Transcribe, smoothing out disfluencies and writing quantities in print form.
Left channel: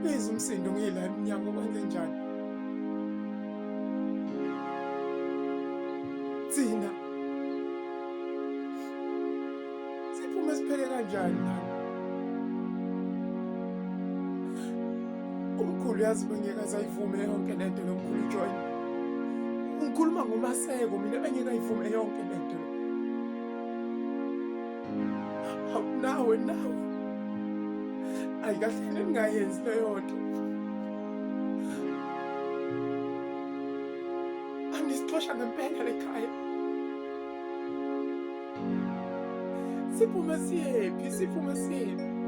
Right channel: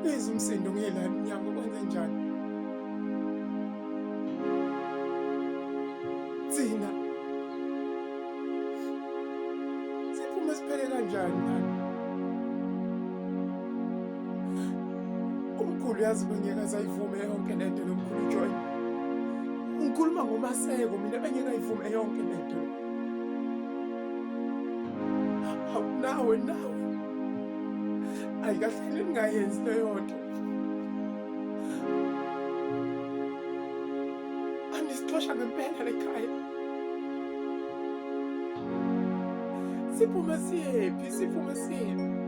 ngizwe umsindo ngiyela emnyango kwenze njani? Thina siphume siphele kanjani lana? Umkhulu yazi bengeke azayivume yonke lento lo mkhulu uJoyini. Ngikhuluma ngoMaseko mina bengeke ayivume yonke lento le. Hawu nawe. Ayikahle ningayenzi leyo nto. Anisixosha ngempela lekhaya. Siphume siyephi?